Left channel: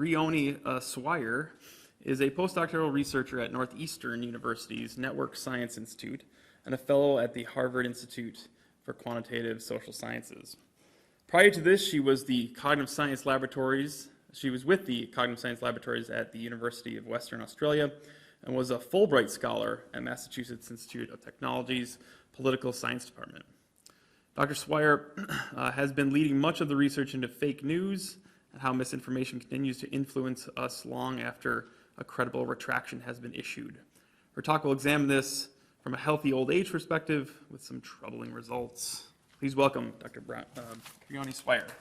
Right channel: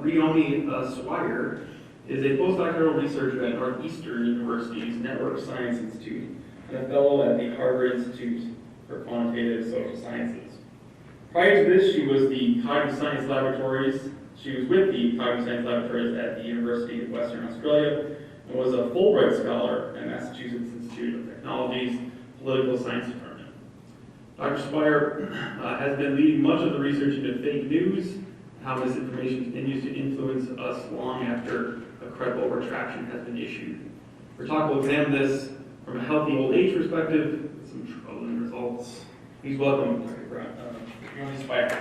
Briony Swire is a postdoctoral researcher at Northeastern University's Network Science Institute and a fellow at the Harvard Institute for Quantitative Social Sciences. Prior to this, she was with the Cognitive Science Laboratories at the University of Western Australia and was a Fulbright Scholar at Massachusetts Institute of Technology's Political Science Department. Dr. Swire has been leading much of the research into fake news, how misinformation continues to influence us long after a credible retraction has been issued. Our talk will examine this from a healthy old age perspective with some troubling results. Please welcome Dr. Briony Swire.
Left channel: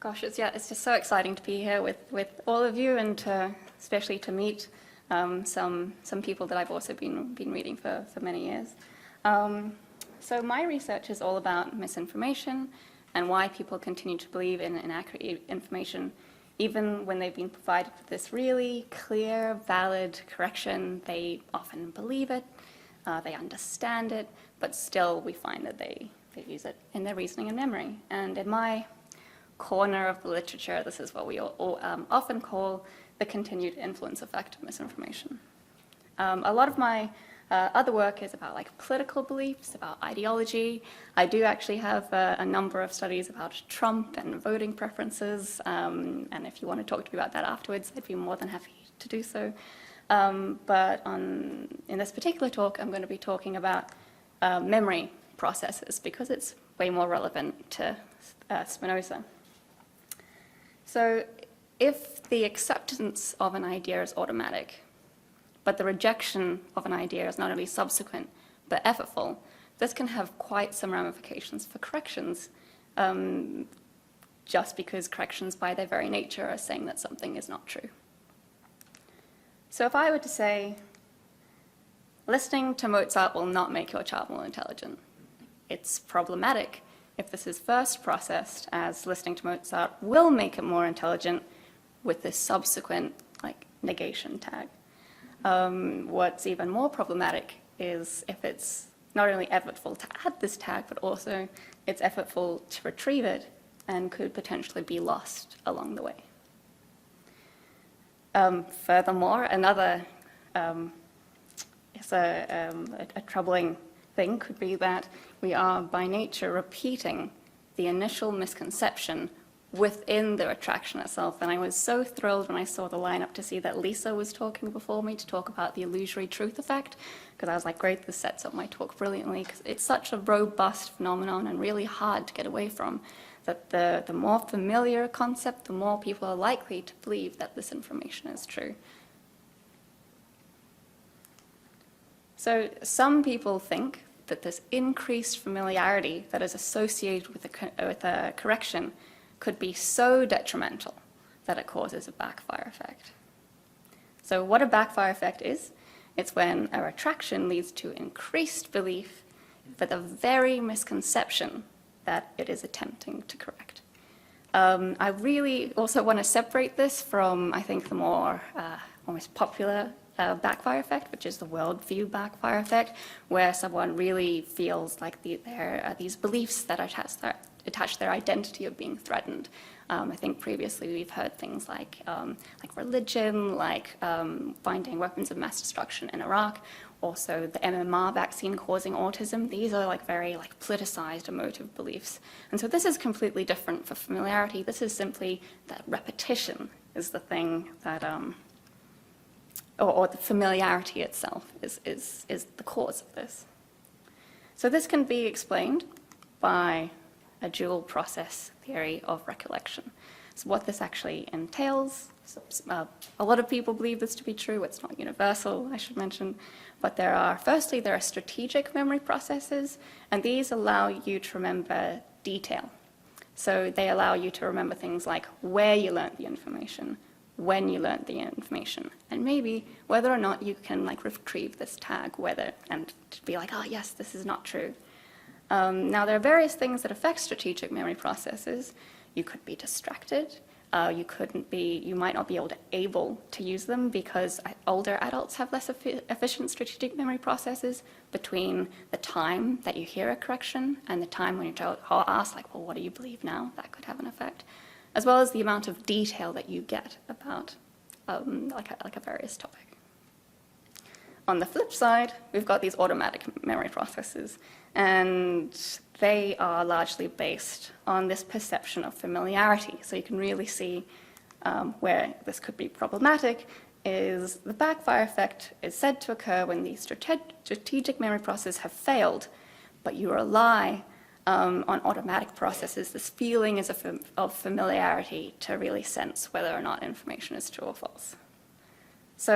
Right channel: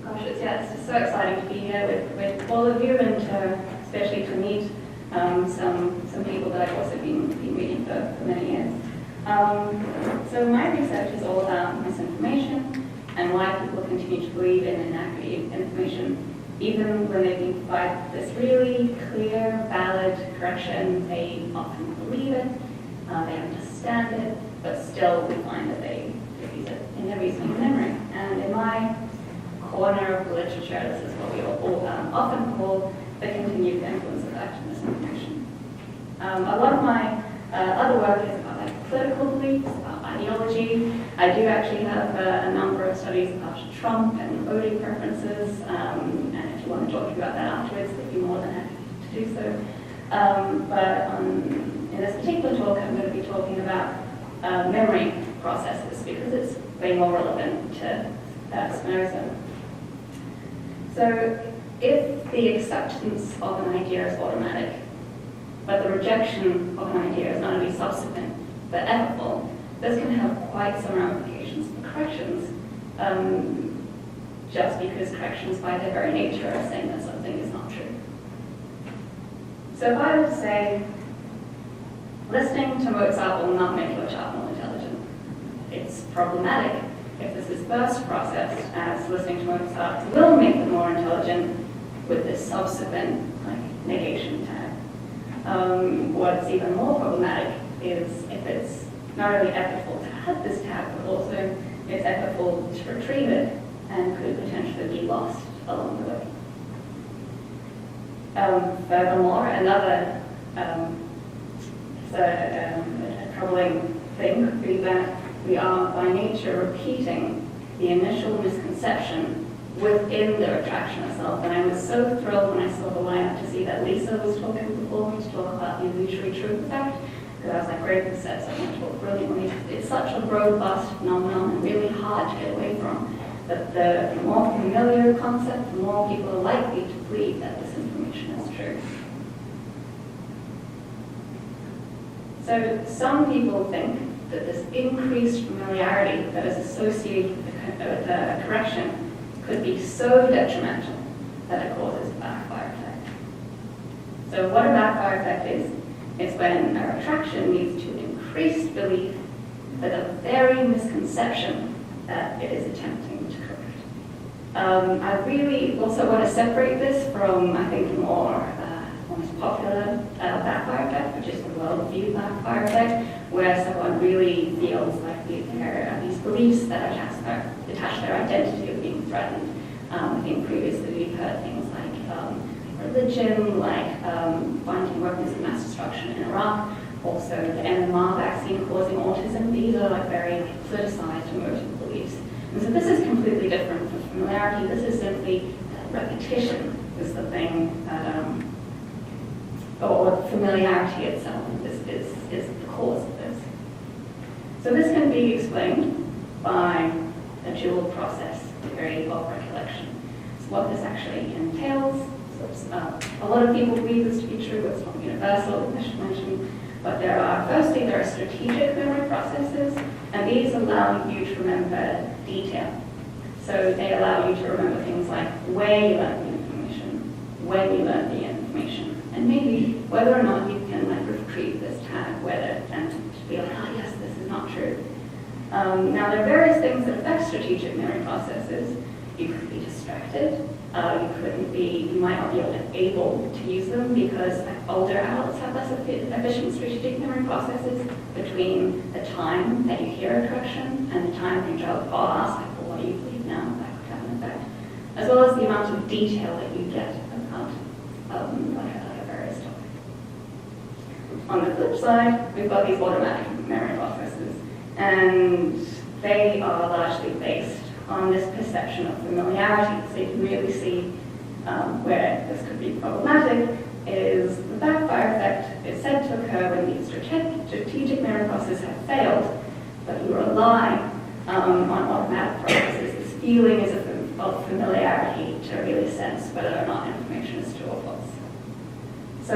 Gosh, it's just so exciting to be here with all of you, and especially to meet some people that I've also been reading for many years. So my research is all about misinformation and why people continue to believe in inaccurate information, even when they've been provided this really clear, valid correction. They often believe it, they understand it, but still we find that they use it in their reasoning and memory. And in my corner of literature, this is what we all often call the continued influence effect of misinformation. A lot of my other work is about political beliefs, about ideology. I do actually have a number of studies about Trump and voting preferences, and if you want to talk to me about that afterwards, I'd be more than happy to do so. But in this particular talk, I'm going to be talking about memory processes because it's way more relevant to Spinoza. So if the acceptance of an idea is automatic, but the rejection of an idea is not only subsequent, but effortful, this can have quite some ramifications for corrections, just because corrections by their very nature are saying that something is not true. So if I were to say, listening to Mozart will not make your child more intelligent, it's problematic if this is first processed as listening to Mozart will make it more intelligent with this subsequent negation tag. What's even more problematic is if it's not only effortful to add this tag, but also it's effortful to retrieve it and could potentially be lost along the way. Furthermore, another a troubling thing could be that we are by nature repeating the initial misconception within the retraction itself. And I was so thrilled when I saw the lineup to see that Lisa was talking before me to talk about the illusory truth effect, because I was like, great, this sets up my talk brilliantly. It's such a robust phenomenon and really hard to get away from, that the more familiar concept, the more people are likely to believe that this information is true. So some people think that this increased familiarity that is associated with the correction could be so detrimental that it causes a backfire effect. So what a backfire effect is, it's when a retraction leads to increased belief for the very misconception that it is attempting to correct. I really also want to separate this from, I think, the more most popular backfire effect, which is the worldview backfire effect, where someone really feels like there are these beliefs that attach their identity of being threatened. I think previously we've heard things like religion, like finding weapons of mass destruction in Iraq, also the MMR vaccine causing autism. These are very politicized emotive beliefs. And so this is completely different for familiarity. This is simply that repetition is the thing that or the familiarity itself is the cause of this. So this can be explained by a dual process theory of recollection. So what this actually entails, a lot of people believe this to be true, it's not universal, I should mention, but firstly there are strategic memory processes, and these allow you to remember detail. So they allow you to remember things like where you learned the information, when you learned the information, and maybe whether or not you can retrieve this tag, and to be like, oh yes, this is not true. Now there are various things that affect strategic memory processes. You could be distracted, you might not be able to use them because older adults have less efficient strategic memory processes between the time that you hear a correction and the time when you are asked, like, well, what do you believe now? That could have an effect. As well as the amount of detail that you get about like a various topic. On the flip side, we've got these automatic memory processes, and they are largely based on this perception of familiarity. So you can really see where this could be problematic is the backfire effect is said to occur when these strategic memory processes have failed, but you rely on automatic processes, this feeling of familiarity to really sense whether or not information is true or false. So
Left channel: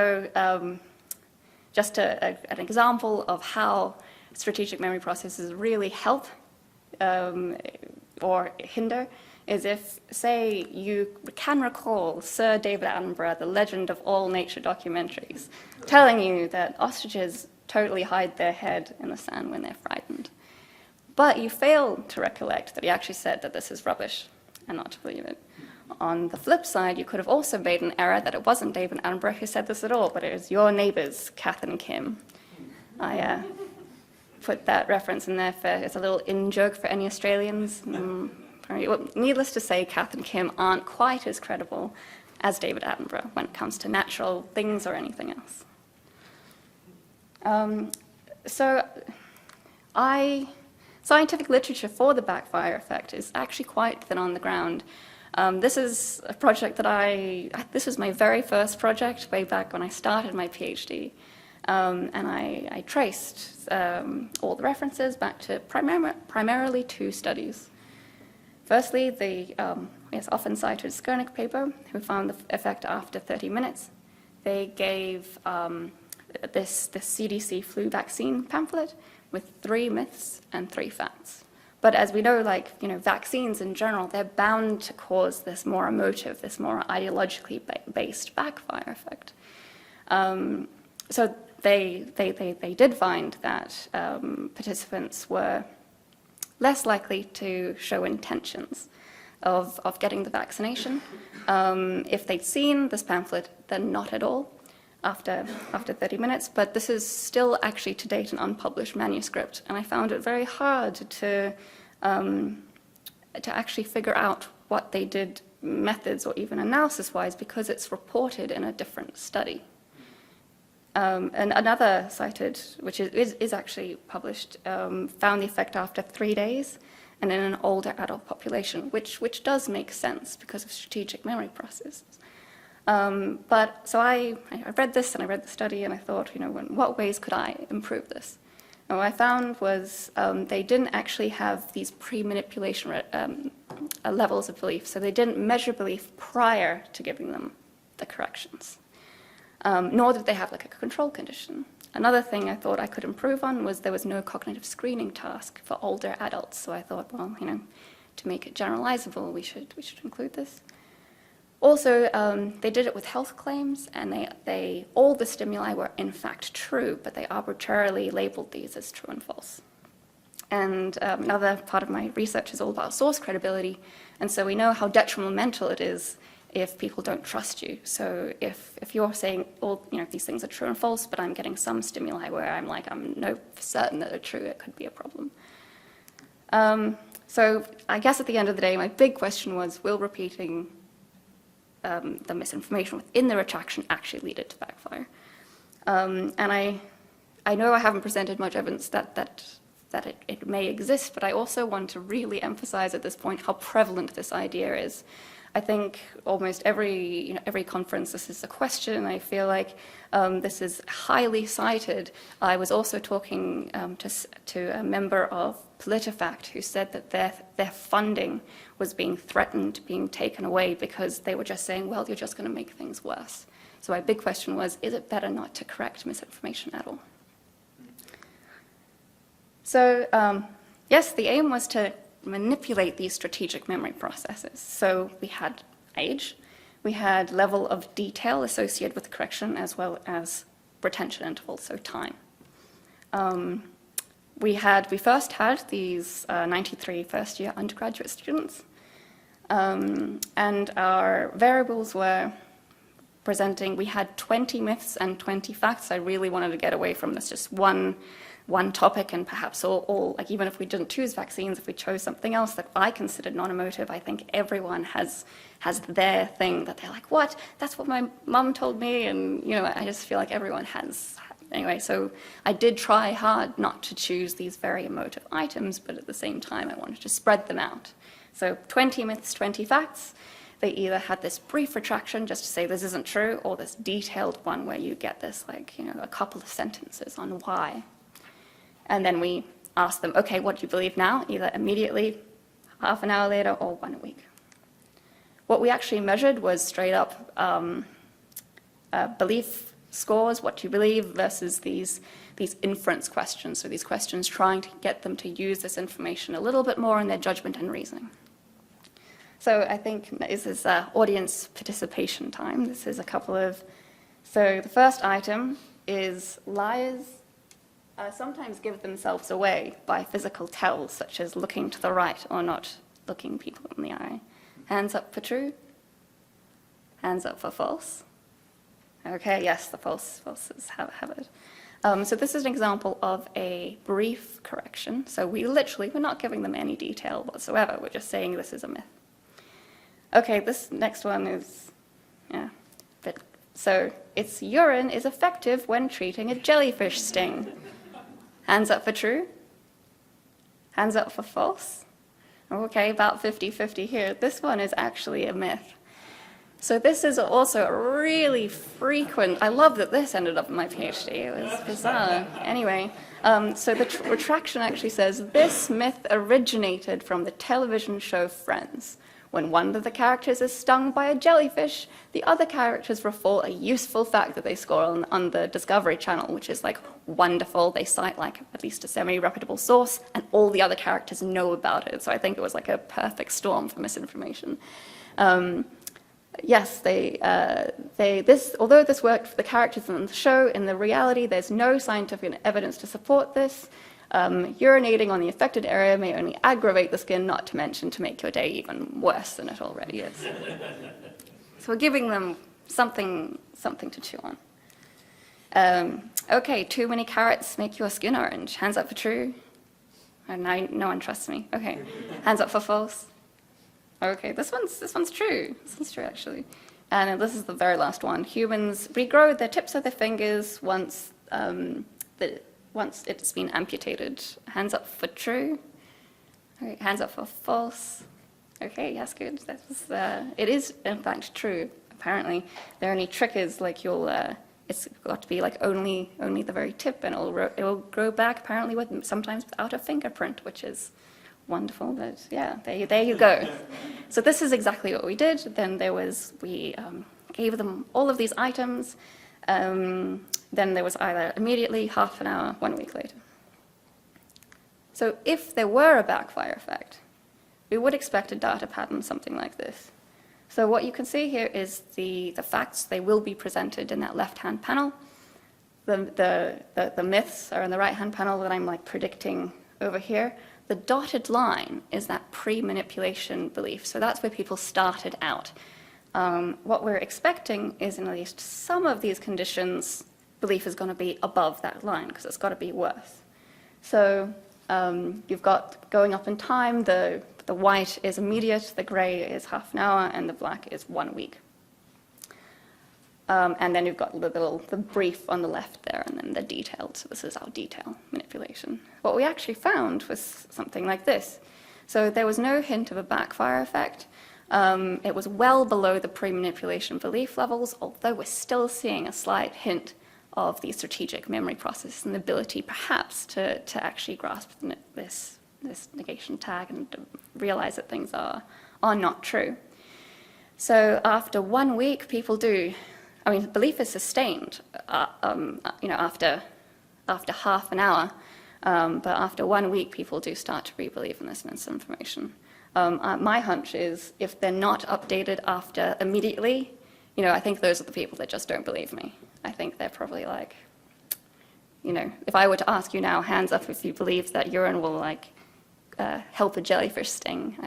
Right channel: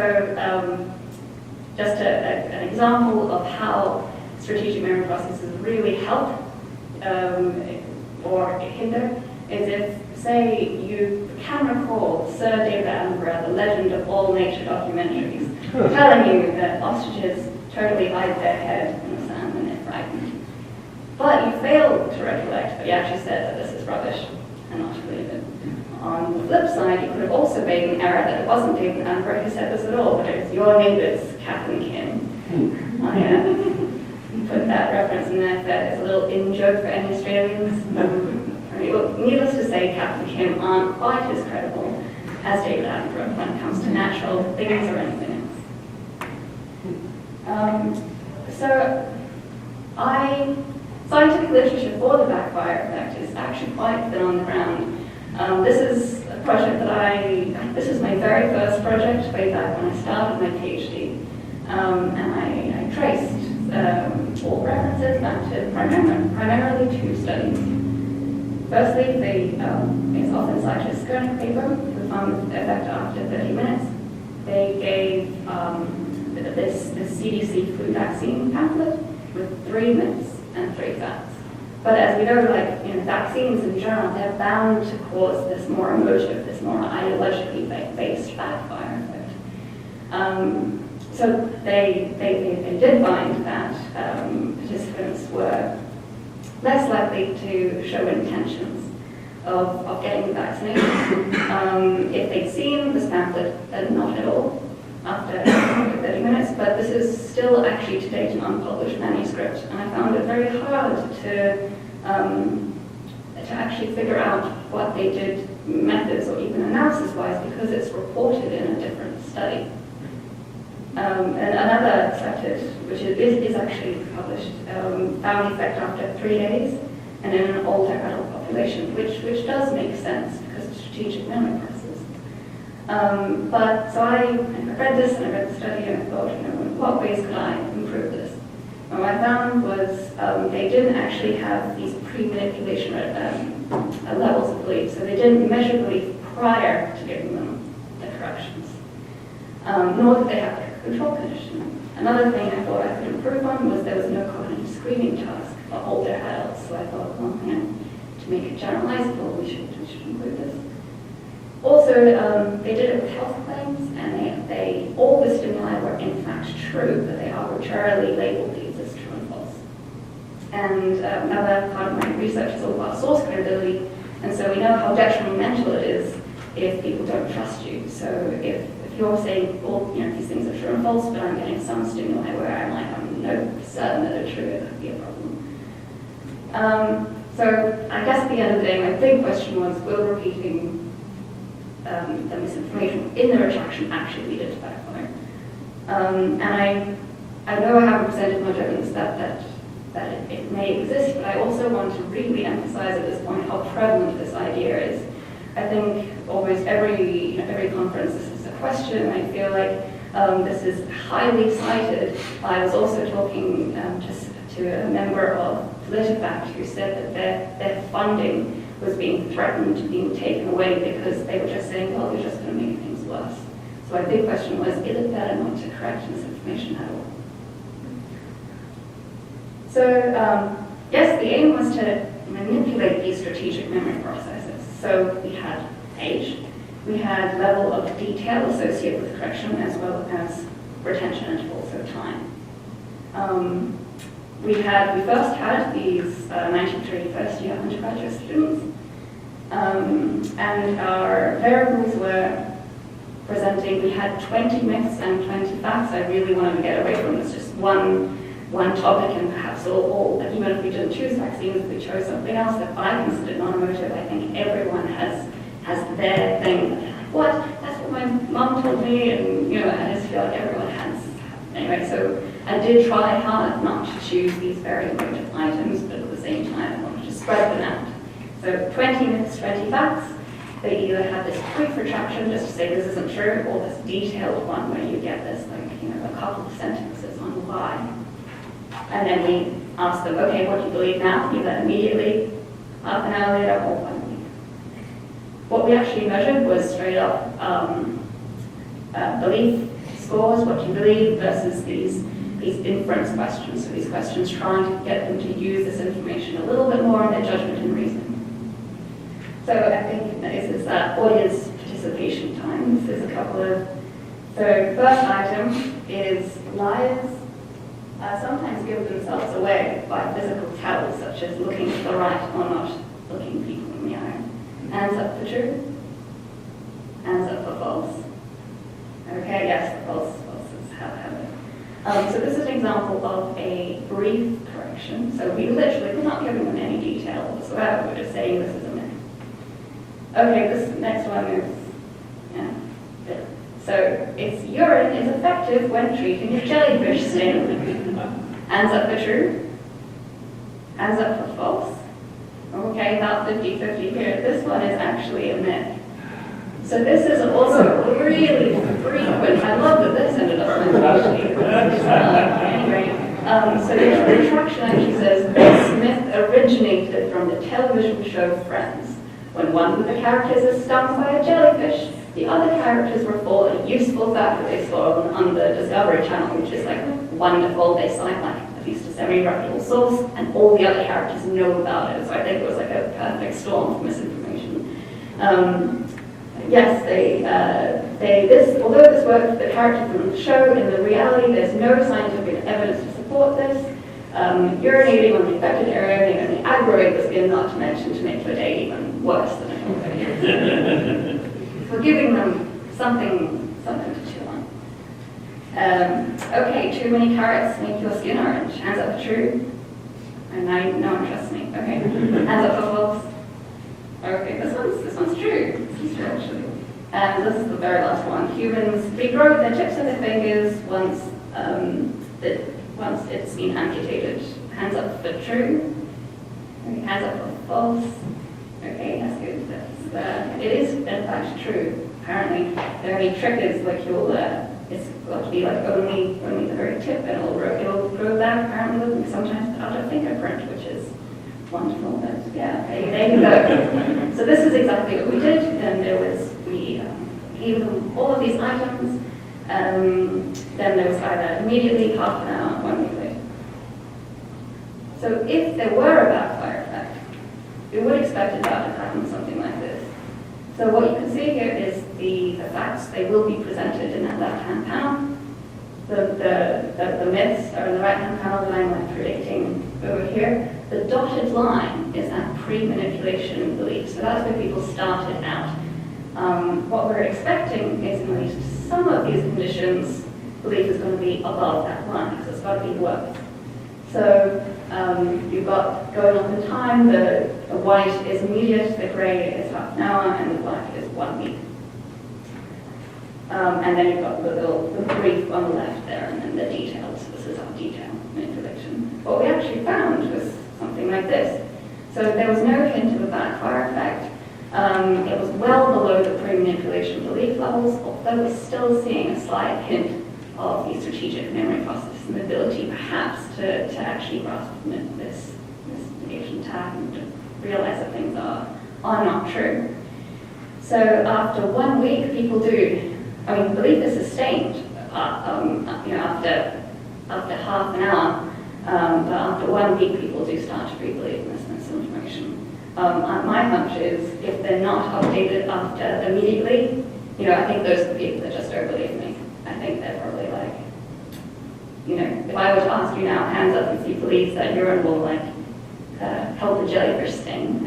just an example of how strategic memory processes really help or hinder is if, say, you can recall Sir David Attenborough, the legend of all nature documentaries, telling you that ostriches totally hide their head in the sand when they're frightened. But you fail to recollect that he actually said that this is rubbish and not to believe it. On the flip side, you could have also made an error that it wasn't David Attenborough who said this at all, but it was your neighbours, Kath and Kim. I put that reference in there for it's a little in-joke for any Australians. Needless to say, Kath and Kim aren't quite as credible as David Attenborough when it comes to natural things or anything else. Scientific literature for the backfire effect is actually quite thin on the ground. This is a project that this is my very first project way back when I started my PhD. And I traced all the references back to primarily two studies. Firstly, it's often cited as Skernick paper, who found the effect after 30 minutes. They gave this CDC flu vaccine pamphlet with 3 myths and 3 facts. But as we know, vaccines in general, they're bound to cause this more emotive, this more ideologically based backfire effect. So they did find that participants were less likely to show intentions of getting the vaccination. If they'd seen this pamphlet, then not at all after 30 minutes, but this is still actually to date an unpublished manuscript, and I found it very hard to actually figure out what they did methods or even analysis-wise because it's reported in a different study. And another cited, which is actually published, found the effect after 3 days and in an older adult population, which does make sense because of strategic memory processes. So I read this and I read the study and I thought, in what ways could I improve this? And what I found was they didn't actually have these pre-manipulation levels of belief, so they didn't measure belief prior to giving them the corrections. Nor did they have a control condition. Another thing I thought I could improve on was there was no cognitive screening task for older adults, so I thought, well, to make it generalizable, we should include this. Also, they did it with health claims, and they all the stimuli were in fact true, but they arbitrarily labeled these as true and false. And another part of my research is all about source credibility, and so we know how detrimental it is if people don't trust you. So if you're saying, well, these things are true and false, but I'm getting some stimuli where I'm for certain that they're true, it could be a problem. So I guess at the end of the day, my big question was, will repeating the misinformation in the retraction actually lead it to backfire? And I know I haven't presented much evidence that it may exist, but I also want to really emphasize at this point how prevalent this idea is. I think almost every conference this is a question, and I feel like this is highly cited. I was also talking to a member of PolitiFact who said that their funding was being threatened, being taken away because they were just saying, well, they're just going to make things worse. So my big question was, is it better not to correct misinformation at all? So yes, the aim was to manipulate these strategic memory processes. So we had age, we had level of detail associated with the correction, as well as retention intervals, so time. We first had these 93 first-year undergraduate students, and our variables were presenting, we had 20 myths and 20 facts. I really wanted to get away from this just one topic, and perhaps or even if we didn't choose vaccines, if we chose something else that I considered non-emotive, I think everyone has their thing that they're like, what? That's what my mum told me, and I just feel like everyone has. Anyway, so I did try hard not to choose these very emotive items, but at the same time I wanted to spread them out. So 20 myths, 20 facts. They either had this brief retraction just to say this isn't true, or this detailed one where you get this a couple of sentences on why. And then we asked them, okay, what do you believe now? Either immediately, half an hour later, or 1 week. What we actually measured was straight up belief scores, what do you believe, versus these inference questions. So these questions trying to get them to use this information a little bit more in their judgment and reasoning. So I think this is audience participation time. This is a couple of... So the first item is liars sometimes give themselves away by physical tells, such as looking to the right or not looking people in the eye. Hands up for true. Hands up for false. Okay, yes, the false is have it. So this is an example of a brief correction. So we're not giving them any detail whatsoever. We're just saying this is a myth. Okay, this next one is, so it's urine is effective when treating a jellyfish sting. Hands up for true. Hands up for false. Okay, about 50-50 here. This one is actually a myth. So this is also really frequent. I love that this ended up on my sheet. Anyway, so the retraction actually says this myth originated from the television show Friends. When one of the characters is stung by a jellyfish, the other characters report a useful fact that they score on the Discovery Channel, which is wonderful. They cite at least a semi-reputable source, and all the other characters know about it. So I think it was a perfect storm for misinformation. Yes, although this worked for the character from the show, in the reality there's no scientific evidence to support this. Urinating on the affected area may only aggravate the skin, not to mention to make your day even worse than it already is. So we're giving them something to chew on. Okay, too many carrots make your skin orange. Hands up for true. And now no one trusts me. Okay, hands up for false. Okay, this one's true. This is true actually. And this is the very last one. Humans regrow their tips of their fingers once it's been amputated. Hands up for true. Okay, hands up for false. Okay, that's good. It is in fact true. Apparently, the only trick is it's got to be only the very tip, and it'll grow back apparently sometimes without a fingerprint, which is wonderful. But yeah, there you go. So this is exactly what we did. And we gave them all of these items. Then there was either immediately, half an hour, 1 week later. So if there were a backfire effect, we would expect a data pattern something like this. So what you can see here is the facts. They will be presented in that left-hand panel. The myths are in the right-hand panel that I'm predicting over here. The dotted line is that pre-manipulation belief. So that's where people started out. What we're expecting is in at least some of these conditions, belief is going to be above that line because it's got to be worse. So you've got going up in time, the white is immediate, the grey is half an hour, and the black is 1 week. And then you've got the brief on the left there, and then the detailed. This is our detail manipulation. What we actually found was something like this. So there was no hint of a backfire effect. It was well below the pre-manipulation belief levels, although we're still seeing a slight hint of the strategic memory process and the ability perhaps to actually grasp this negation tag and realize that things are not true. So after 1 week, people belief is sustained after half an hour, but after 1 week, people do start to re-believe in this misinformation. My hunch is if they're not updated after immediately, I think those are the people that just don't believe me. I think they're probably if I were to ask you now, hands up if you believe that urine will help a jellyfish sting,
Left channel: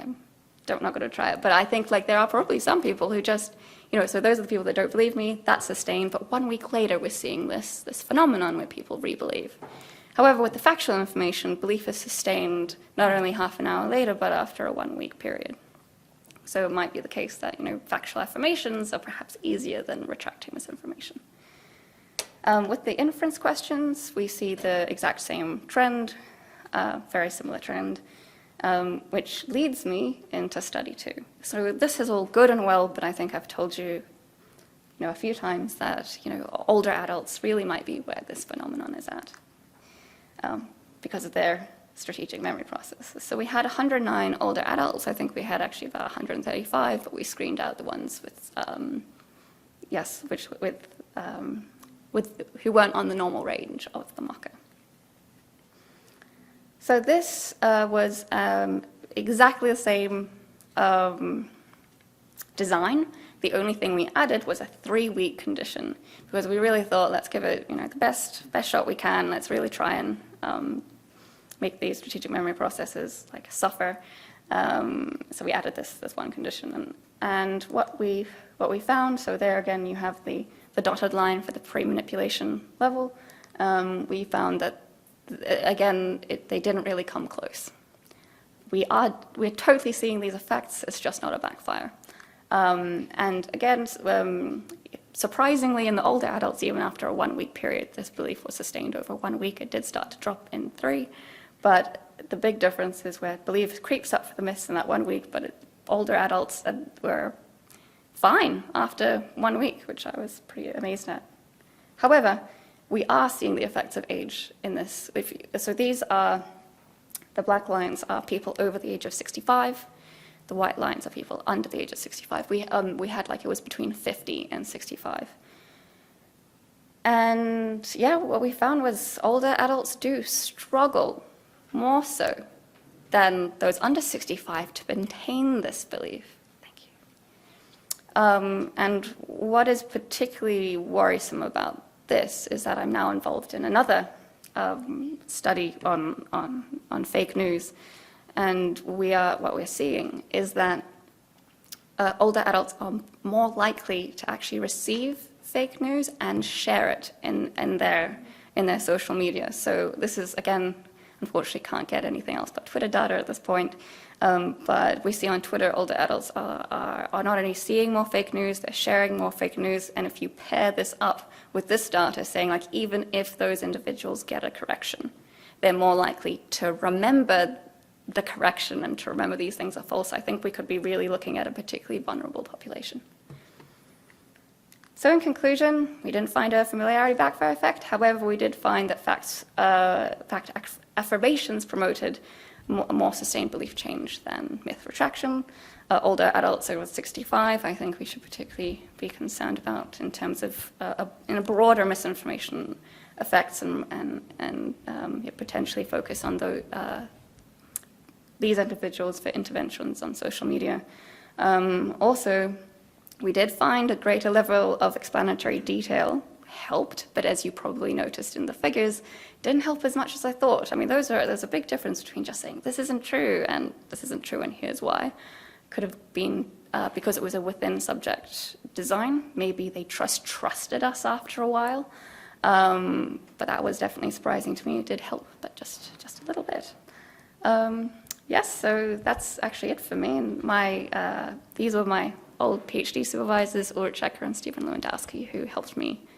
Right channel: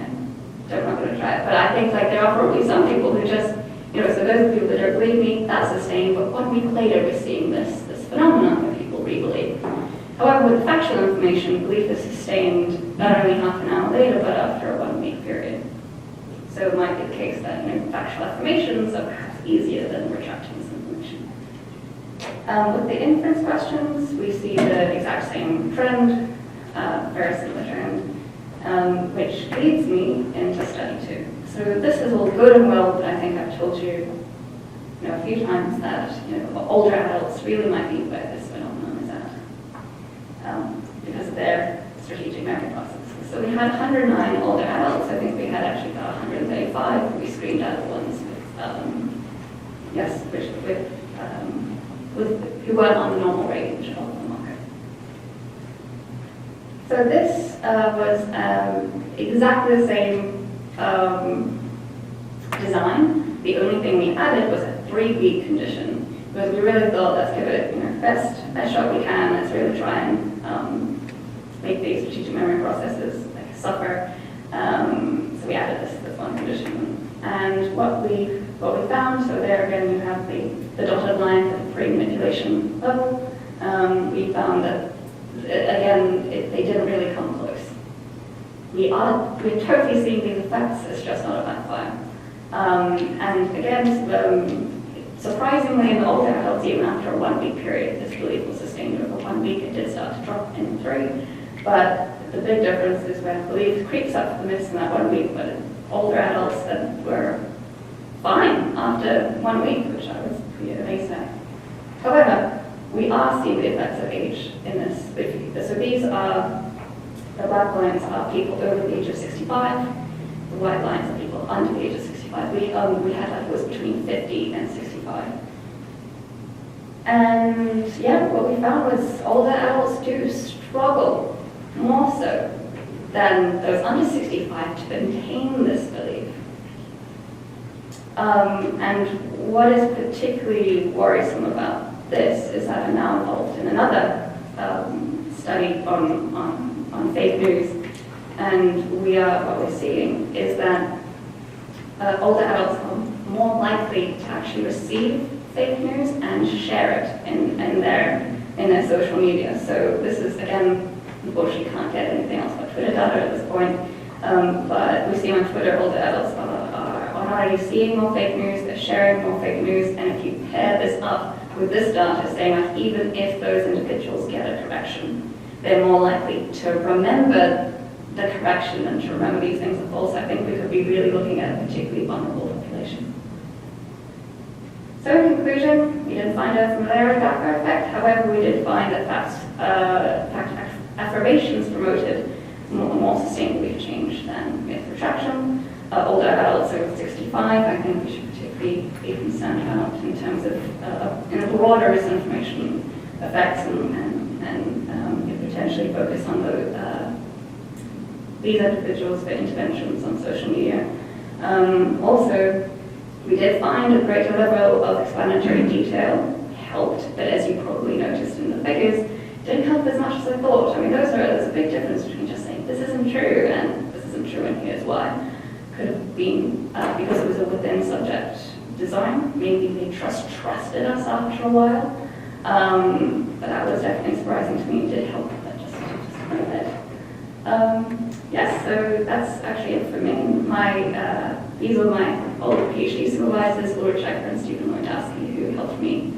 I'm not going to try it. But I think like there are probably some people who just, so those are the people that don't believe me, that's sustained, but 1 week later we're seeing this phenomenon where people re-believe. However, with the factual information, belief is sustained not only half an hour later, but after a 1 week period. So it might be the case that factual affirmations are perhaps easier than retracting misinformation. With the inference questions, we see the exact same trend, very similar trend, which leads me into study 2. So this is all good and well, but I think I've told you, a few times that older adults really might be where this phenomenon is at, because of their strategic memory processes. So we had 109 older adults. I think we had actually about 135. We screened out the ones who weren't on the normal range of the marker. So this was exactly the same design. The only thing we added was a 3-week condition, because we really thought, let's give it the best shot we can. Let's really try and make these strategic memory processes suffer. So we added this one condition, and what we found. So there again, you have the dotted line for the pre-manipulation level. We found that again they didn't really come close. We're totally seeing these effects. It's just not a backfire. And again, surprisingly, in the older adults, even after a 1 week period, this belief was sustained over 1 week. It did start to drop in 3, but the big difference is where belief creeps up for the midst in that 1 week, but older adults that were fine after 1 week, which I was pretty amazed at. However, we are seeing the effects of age in this. So these are, the black lines are people over the age of 65, the white lines are people under the age of 65. We had it was between 50 and 65. And yeah, what we found was older adults do struggle more so than those under 65 to maintain this belief. And what is particularly worrisome about this is that I'm now involved in another study on fake news, and what we're seeing is that older adults are more likely to actually receive fake news and share it in their social media. So this is, again, unfortunately can't get anything else but Twitter data at this point. But we see on Twitter older adults are not only seeing more fake news, they're sharing more fake news, and if you pair this up with this data saying like even if those individuals get a correction, they're more likely to remember the correction and to remember these things are false, I think we could be really looking at a particularly vulnerable population. So in conclusion, we didn't find a familiarity backfire effect. However, we did find that fact affirmations promoted a more sustained belief change than myth retraction. Older adults over 65, I think we should particularly be concerned about in terms of broader misinformation effects and potentially focus on these individuals for interventions on social media. Also, we did find a greater level of explanatory detail helped, but as you probably noticed in the figures, didn't help as much as I thought. I mean, there's a big difference between just saying this isn't true and this isn't true and here's why. Could have been because it was a within subject design. Maybe they trusted us after a while, but that was definitely surprising to me. It did help, but just a little bit. Yes, so that's actually it for me. These were my old PhD supervisors, Ulrich Checker and Stephen Lewandowski, who helped me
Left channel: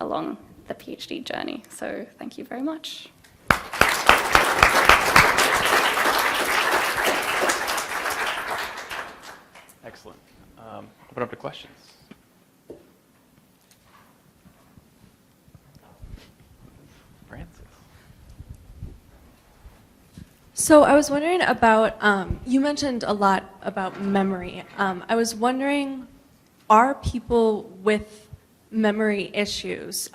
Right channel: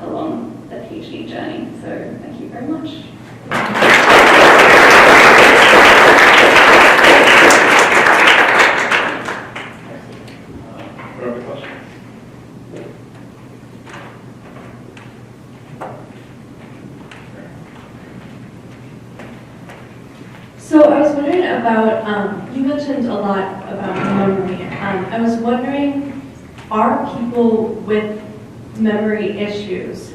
along the PhD journey. So thank you very much. What are the questions? So I was wondering about, you mentioned a lot about memory. I was wondering, are people with memory issues,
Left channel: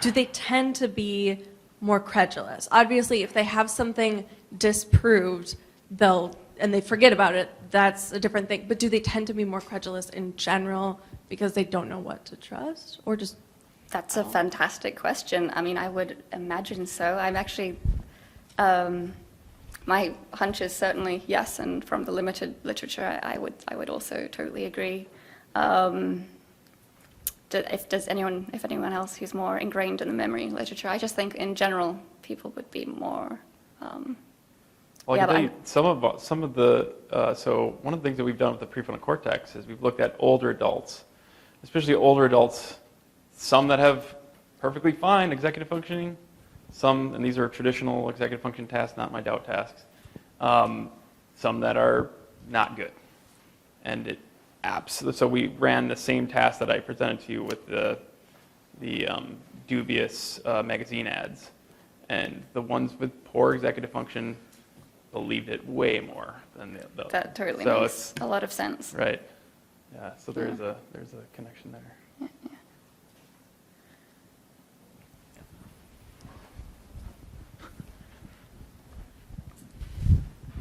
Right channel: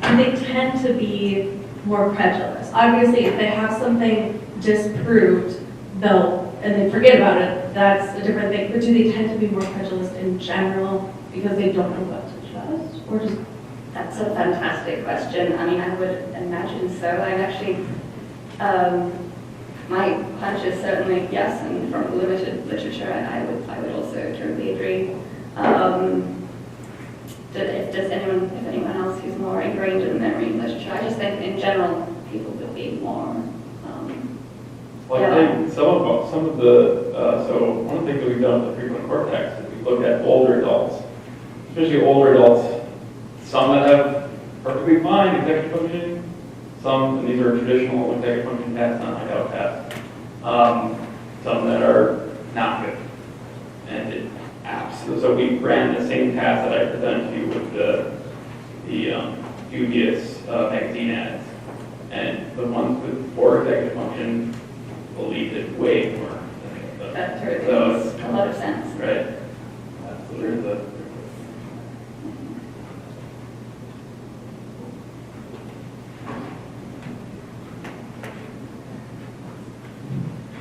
do they tend to be more credulous? Obviously, if they have something disproved, and they forget about it, that's a different thing. But do they tend to be more credulous in general because they don't know what to trust? Or just... That's a fantastic question. I mean, I would imagine so. I'm actually, my hunch is certainly yes, and from the limited literature, I would also totally agree. If anyone else who's more ingrained in the memory literature, I just think in general people would be more. Well, I think some of the so one of the things that we've done with the prefrontal cortex is we've looked at older adults, especially older adults, some that have perfectly fine executive functioning, some, and these are traditional executive function tasks, not my doubt tasks, some that are not good. And it absolutely, so we ran the same task that I presented to you with the dubious magazine ads, and the ones with poor executive function believed it way more than the other. That totally So makes it's- a lot of sense. Right. So there's a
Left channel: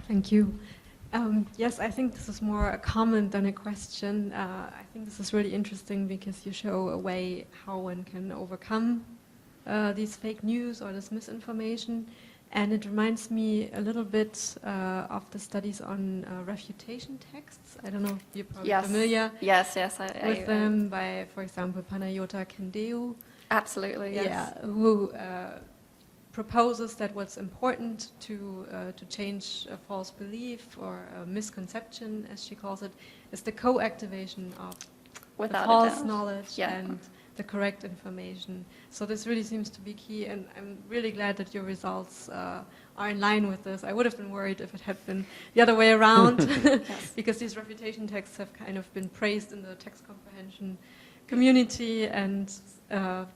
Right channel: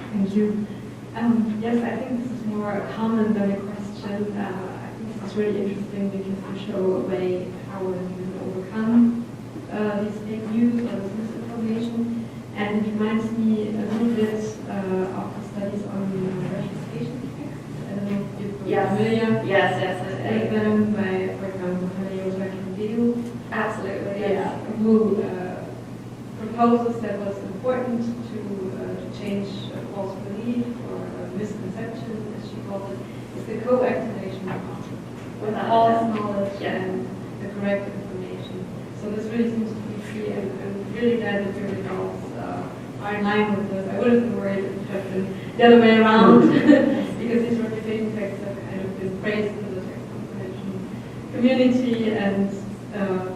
Thank you. Yes, I think this is more a comment than a question. This is really interesting because you show a way how one can overcome these fake news or this misinformation. And it reminds me a little bit of the studies on refutation texts. I don't know if you're familiar Yes, with them by, for example, Hanayota Candeo. absolutely. Yes. Who proposes that what's important to change a false belief or a misconception, as she calls it, is the co-activation of Without false doubt. knowledge Yeah. and the correct information. So this really seems to be key, and I'm really glad that your results are in line with this. I would have been worried if it had been the other way around, because these refutation texts have kind of been praised in the text comprehension community, and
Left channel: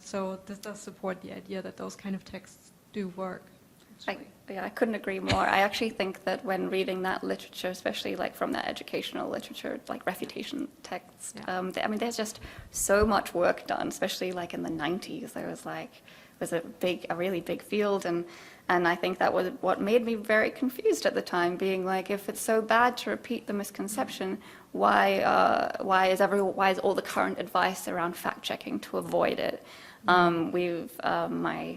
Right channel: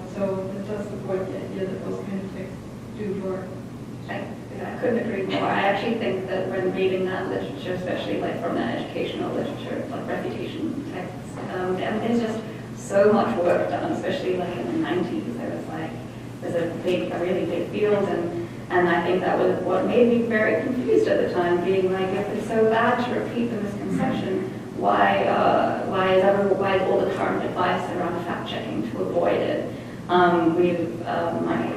so this does support the idea that those kind of texts do work. I couldn't agree more. I actually think that when reading that literature, especially like from the educational literature, like refutation text, I mean, there's just so much work done, especially like in the 90s. There's a really big field, and I think that was what made me very confused at the time, being like, if it's so bad to repeat the misconception, why is all the current advice around fact checking to avoid it? My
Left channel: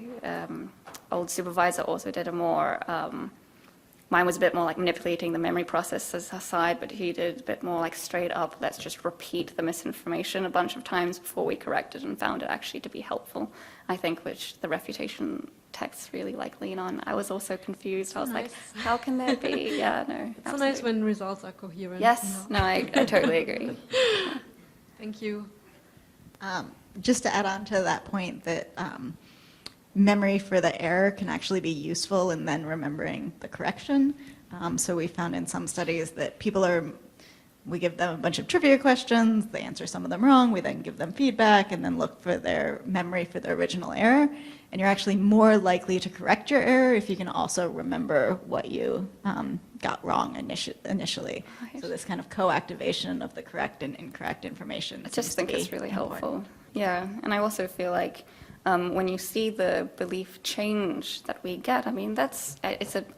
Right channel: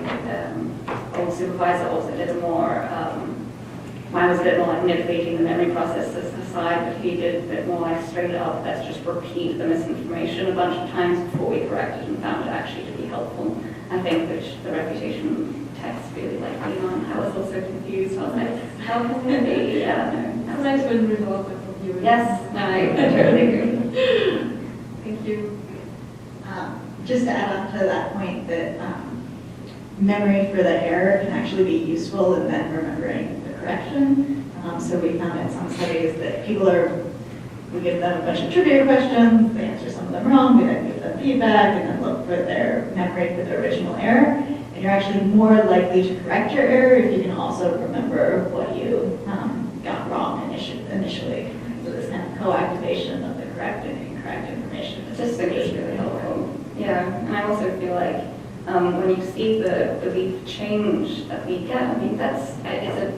old supervisor also did mine was a bit more like manipulating the memory process aside, but he did a bit more like straight up, let's just repeat the misinformation a bunch of times before we correct it, and found it actually to be helpful. I think which the refutation text really like lean on. I was also confused. I was like, how can there be? Yeah, no. It's nice when results are coherent. Yes, no, I totally agree. Thank you. Just to add on to that point that memory for the error can actually be useful in then remembering the correction. So we found in some studies that we give them a bunch of trivia questions, they answer some of them wrong, we then give them feedback and then look for their memory for the original error. And you're actually more likely to correct your error if you can also remember what you got wrong initially. So this kind of co-activation of the correct and incorrect information. I just think it's really helpful. Yeah, and I also feel like when you see the belief change that we get, I mean, it's a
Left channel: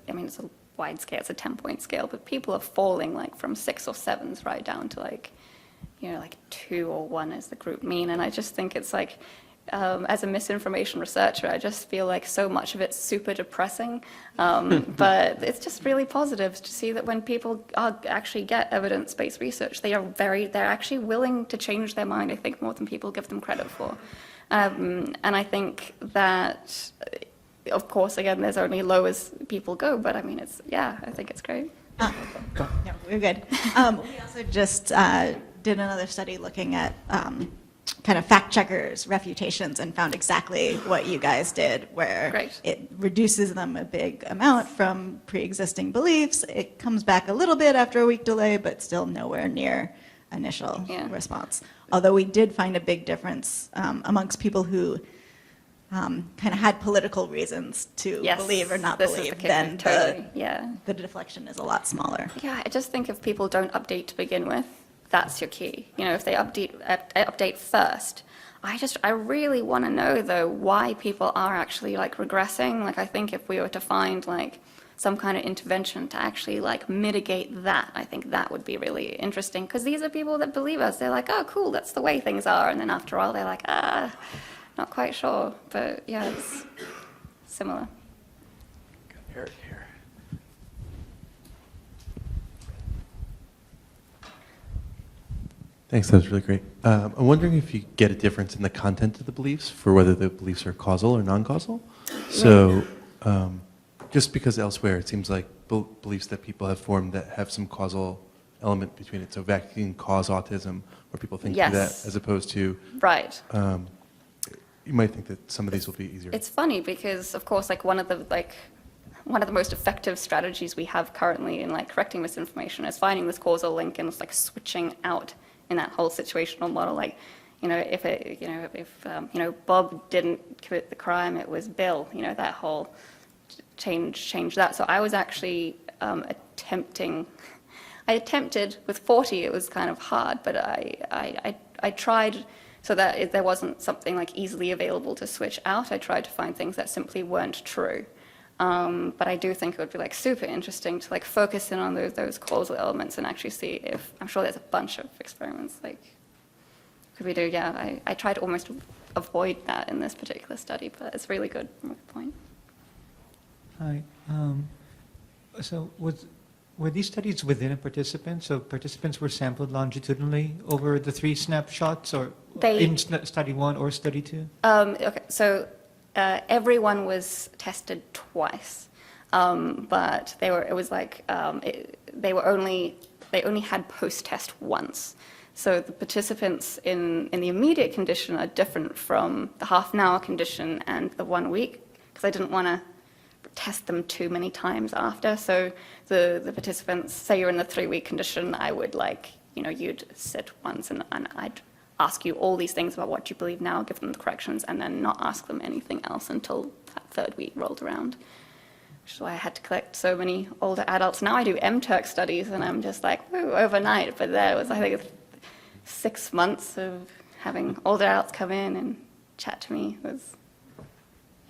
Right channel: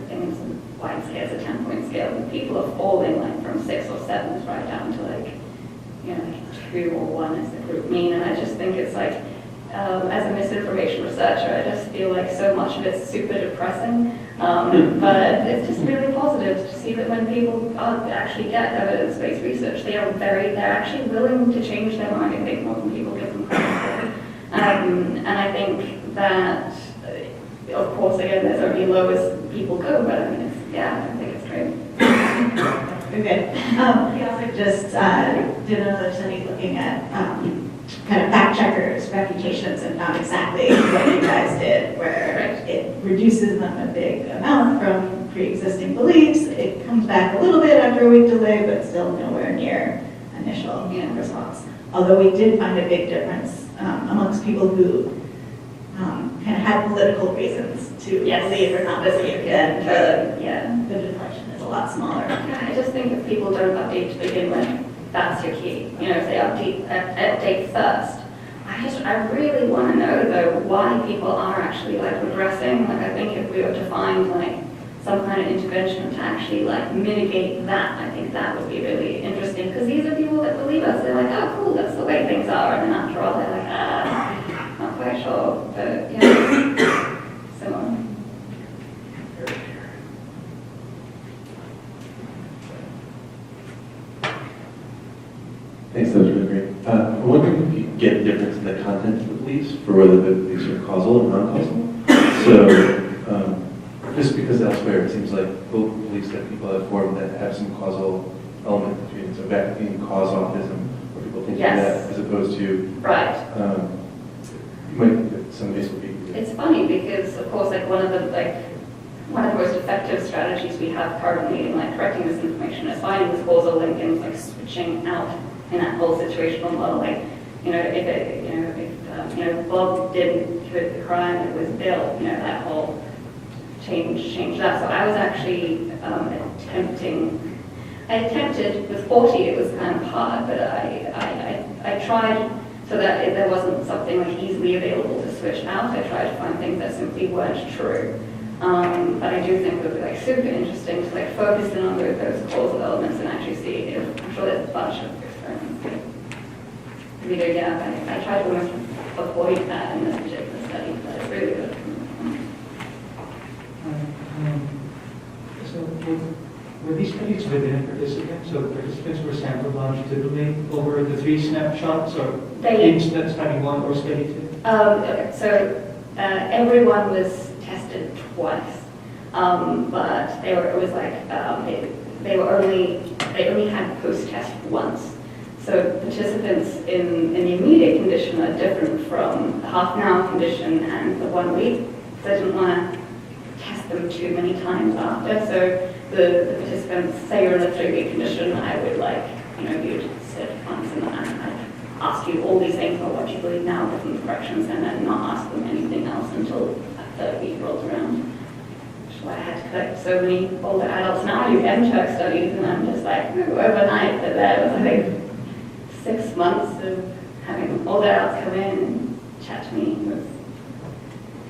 wide scale, it's a 10-point scale, but people are falling like from 6 or 7s right down to like 2 or 1 is the group mean, and I just think it's like, as a misinformation researcher, I just feel like so much of it's super depressing, but it's just really positive to see that when people actually get evidence-based research, they're actually willing to change their mind, I think, more than people give them credit for. And I think that, of course, again, there's only low as people go, but I mean, I think it's great. Okay. We also just did another study looking at kind of fact checkers, refutations, and found exactly what you guys did, where it reduces them a big amount from pre-existing beliefs. It comes back a little bit after a week delay, but still nowhere near initial response. Although we did find a big difference amongst people who kind of had political reasons to believe or not believe, then the deflection is a lot smaller. Yeah, I just think if people don't update to begin with, that's your key. If they update first. I really want to know though why people are actually like regressing. Like I think if we were to find like some kind of intervention to actually like mitigate that, I think that would be really interesting, because these are people that believe us. They're like, oh cool, that's the way things are, and then after all they're like, not quite sure, but yeah, it's similar. Thanks, that was really great. I'm wondering if you get a difference in the content of the beliefs for whether the beliefs are causal or non-causal. So, just because elsewhere it seems like beliefs that people have formed that have some causal element between it. So vaccine cause autism, or people think Yes. that, as opposed to, Right. you might think that some of these will be easier. It's funny because, of course, like one of the most effective strategies we have currently in like correcting misinformation is finding this causal link and like switching out in that whole situational model. Like, if Bob didn't commit the crime, it was Bill. That whole change that. So I was actually I attempted with 40. It was kind of hard, but I tried. So that there wasn't something like easily available to switch out, I tried to find things that simply weren't true. But I do think it would be like super interesting to like focus in on those causal elements and actually see if, I'm sure there's a bunch of experiments that we do. Yeah, I try to almost avoid that in this particular study, but it's really good. So were these studies within participants? So participants were sampled longitudinally over the 3 snapshots, or in study 1 or study 2? Okay, so everyone was tested twice, but they only had post-test once. So participants in the immediate condition are different from the half-an-hour condition and the 1 week, because I didn't want to test them too many times after. So the participants, say you're in the 3-week condition, I would you'd sit once and I'd ask you all these things about what you believe now, give them the corrections, and then not ask them anything else until that 3rd week rolled around. Which is why I had to collect so many older adults. Now I do MTurk studies and I'm just like, overnight, but that was, I think, 6 months of having older adults come in and chat to me. It was,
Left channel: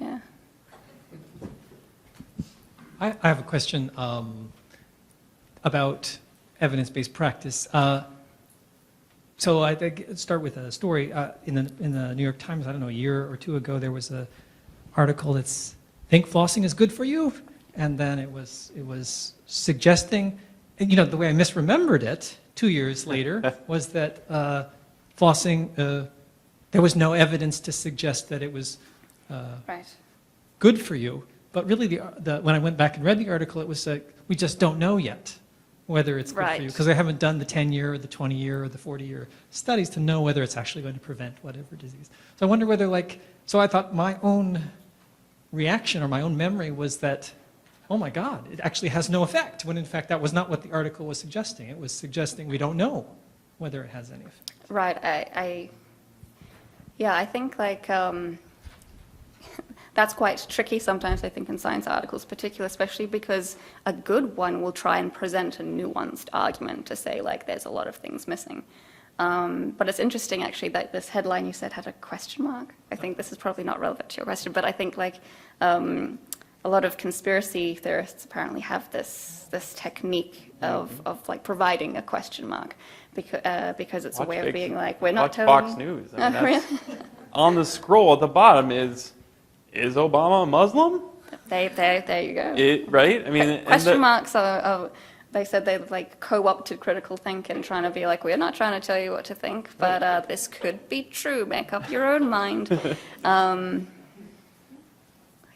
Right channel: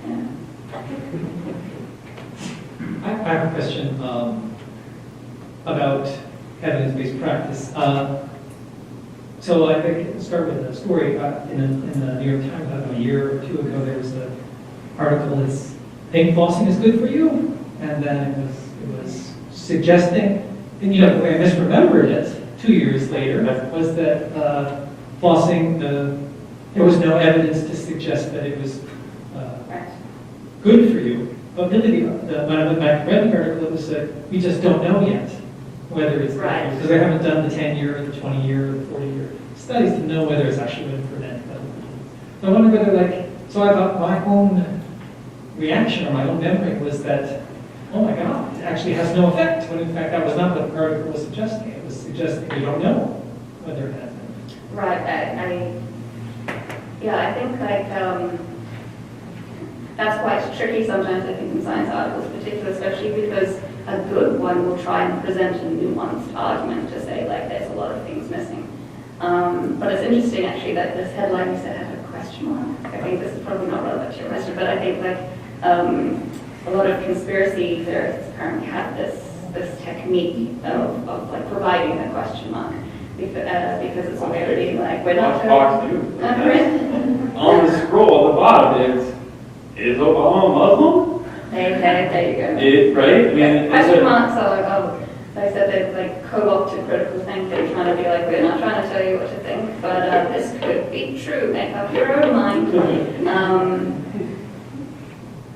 yeah. I have a question about evidence-based practice. So I could start with a story. In the New York Times, I don't know, a year or 2 ago, there was an article that's, think flossing is good for you? And then it was suggesting, and the way I misremembered it 2 years later was that flossing, there was no evidence to suggest that it was good for you. But really, when I went back and read the article, it was that we just don't know yet whether it's right, because they haven't done the 10-year, the 20-year, or the 40-year studies to know whether it's actually going to prevent medical disease. So I wonder whether, so I thought my own reaction or my own memory was that, oh my God, it actually has no effect. When in fact, that was not what the article was suggesting. It was suggesting we don't know whether it has any effect. Right. I think that's quite tricky sometimes, I think, in science articles, particularly, especially because a good one will try and present a nuanced argument to say, there's a lot of things missing. But it's interesting, actually, that this headline you said had a question mark. I think this is probably not relevant to your question, but I think, a lot of conspiracy theorists apparently have this technique of providing a question mark because it's a way of being we're not Fox News. On the scroll at the bottom is Obama a Muslim? There you go. Right? I mean, question marks are, they said they're co-opted critical thinking, trying to be we're not trying to tell you what to think, but this could be true, make up your own mind.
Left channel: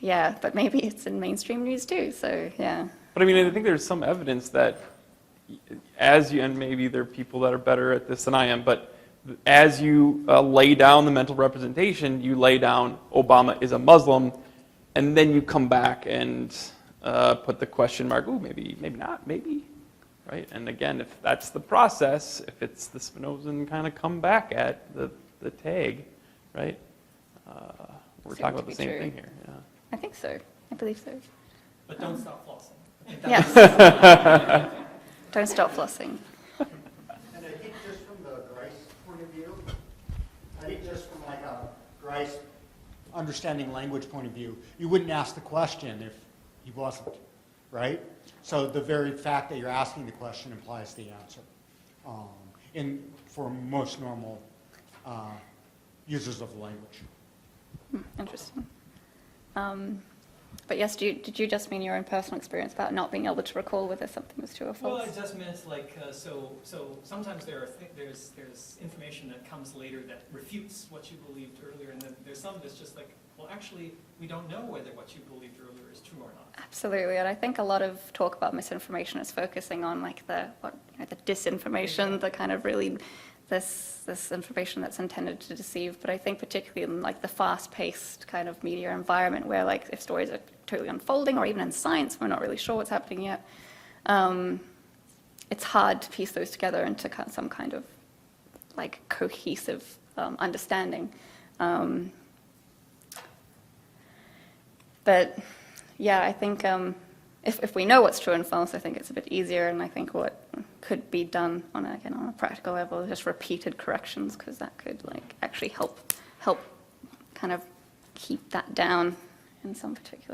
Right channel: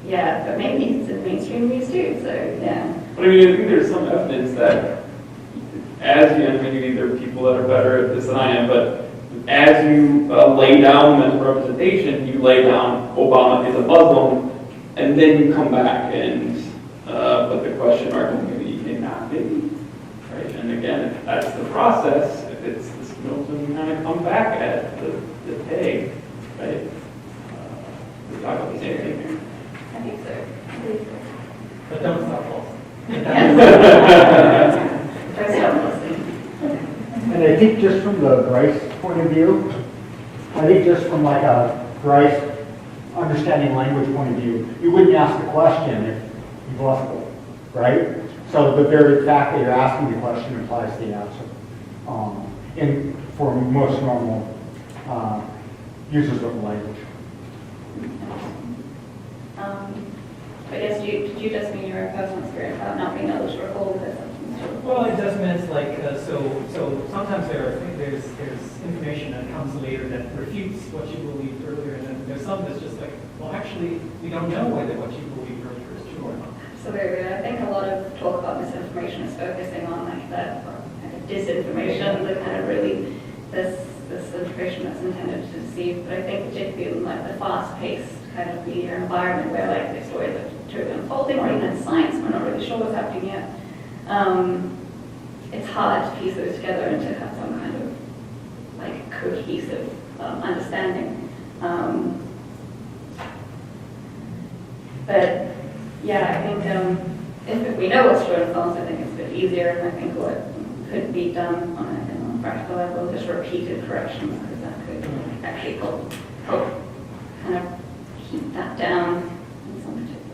Yeah, but maybe it's in mainstream news too, so yeah. But I think there's some evidence that as you, and maybe there are people that are better at this than I am, but as you lay down mental representation, you lay down Obama is a Muslim, and then you come back and with the question mark, maybe he cannot be, right? And again, if that's the process, if it's this to kind of come back at the tag, right? We're talking about the same thing here. I think so. I believe so. But don't stop false. Yes. Don't stop falsely. And I think just from the Grice point of view, I think just from a Grice understanding language point of view, you wouldn't ask the question if you wasn't, right? So the very fact that you're asking the question implies the answer. For most normal users of the language. But yes, did you just mean your own personal experience about not being able to recall with the symptoms? true or Well, false? it just means like, so sometimes there's information that comes later that refutes what you believed earlier, and then there's some that's just like, well, actually, we don't know whether what you believed earlier is true or not. Absolutely, and I think a lot of talk about misinformation is focusing on like the disinformation, the kind of really this information that's intended to deceive. But I think particularly in like the fast-paced kind of media environment where like the stories are totally unfolding, or even in science, we're not really sure what's happening yet. It's hard to piece those together into some kind of like cohesive understanding. But yeah, I think if we know what's true and false, I think it's a bit easier, and I think what could be done on a practical level is just repeated corrections, because that could actually help kind of keep that down in some particular